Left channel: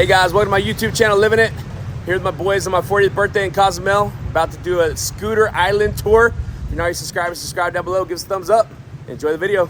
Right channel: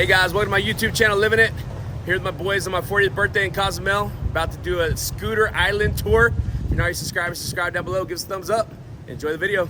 Hey guys, welcome to my YouTube channel, Livin' It. Here with my boys on my 40th birthday in Cozumel. About to do a scooter island tour. If you're not already subscribed, subscribe down below, give us a thumbs up. Enjoy the video.